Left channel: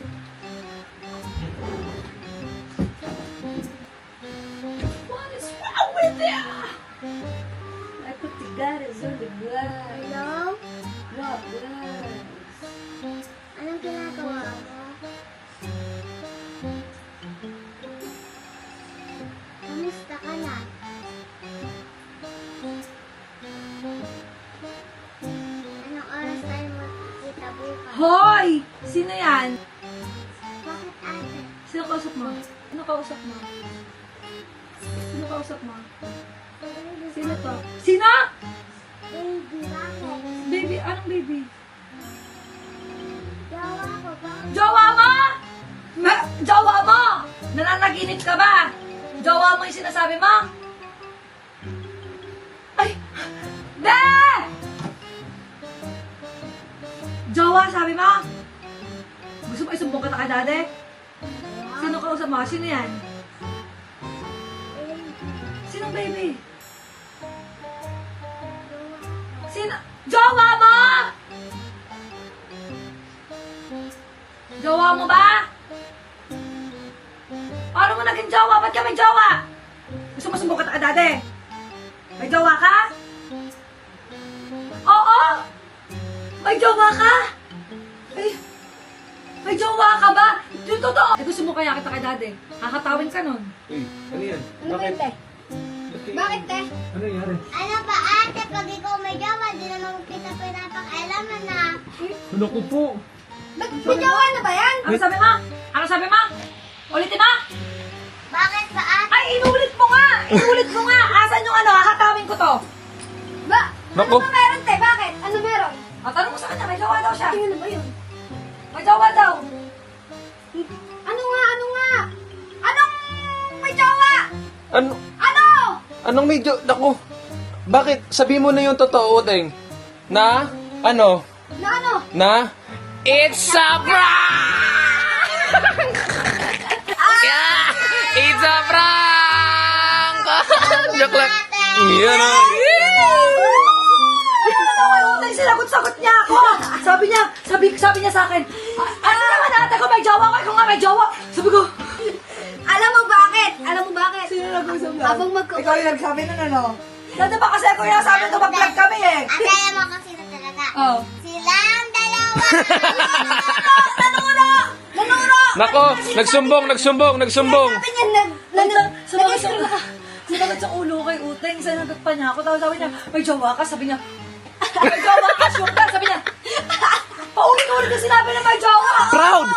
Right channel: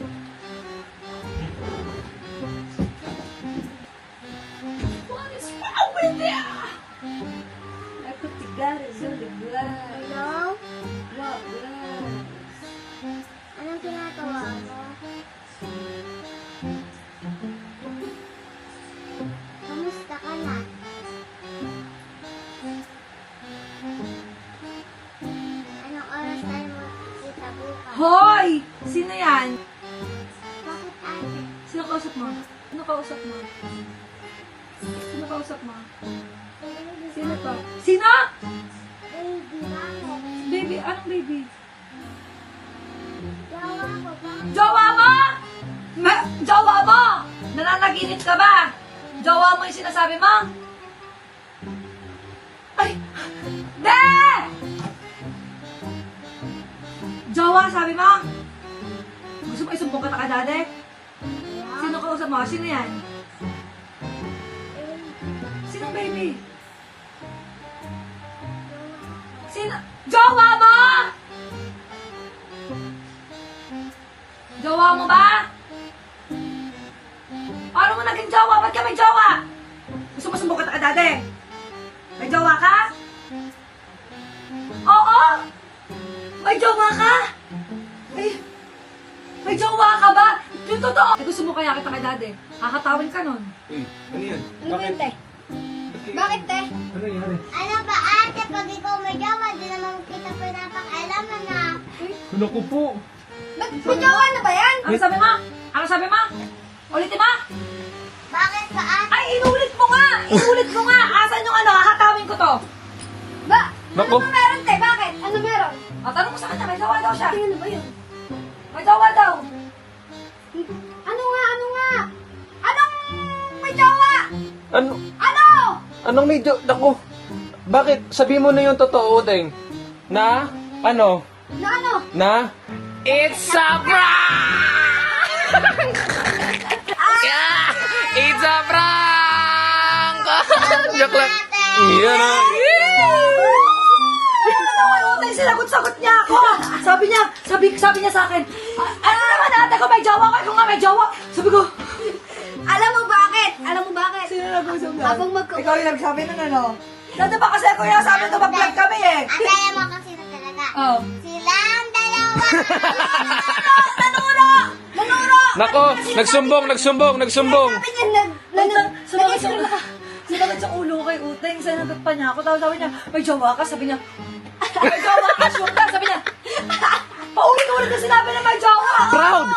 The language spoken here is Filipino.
What is wrong with you? Aku tidak sulit guys. Hello? What guys? Anong ginagawa mo? Kamusta ka na? Anong oras tayo makikita bukas? Hoy! Sino yan? Bakit ate? Sino kausap mo? Sino kausap mo? Sino kausap mo? Sino to? Sino? Baby, bakit? Baby, anong baby? Jawa ko, bakit? Jowa mo! Jowa mo! Nananaginip ka ba? Jowa mo yung sinasabi mo? Ay! Be! Jowa, sabi mo? Gusto mo isumbong ka ta dade? Sino kausap mo? Sino yan? Sinong baby? Sino? Jowa mo! Jowa mo ba? Paano mo naging jowa? Ba't ka may jowa? Gusto mo sumbong ka dade? May jowa ka? Oo! May jowa ka? May jowa ka ba? Yung totoo! Eh, gusto mo kaya kita kay dade? Kakatawin ka nun. Uy, ano yan? Bakit? Bakit, te? Ano yan? Ano ba ate? Pag ikaw may jawa, di naman kita pinapakialaman na. Ano ko po? Ba't may jawa na ba yan? Ano sabi mo? Ano sabi mo? Ulitin mo? Bakit ba ate? Ay, inulit mo nga! Inulit mo nga! Asan yung ano? Kakatawin ko to. Ba? Naku. Ano meron, te? Bakit? Ano meron? At tanong mo sa kanya, may jowa daw siya. Ano ba yun? May jowa daw. Ano nga? Anong may jawa? Ano? Ano? Anong medyo? Naku. Bakit? Sabi mo na yung totoo, Deng. Na? Ano? Na ano? Na? It's a prank! Yeah! It's a prank! Joke lang. Iyan na. Ano kay Utay? Sinagot-sagot niya ako. Sabi niya sa akin, ano naman ate ko may jowa ko? Ikaw nga may jowa. Sabi ko, Alam mo bakit? sino nag-usap na? Habang magka- Ikaw yung nagsabi nun ano? Dati ba kasi ako yung sabi ito mag-vlog kami eh. Ate, alam mo kasi na talaga. Oh. Silang dalawa! Nanuro! Nako, nagsumbong. Sabi niya, Sinagot sa ulo kay Uteng. Sinagot pa niya ako. Tapos sabi niya, may jowa ka? Sabi niya, may jowa ka? Sure ka? Sabi niya, paulit-ulit na sinabi na may jowa. Proud!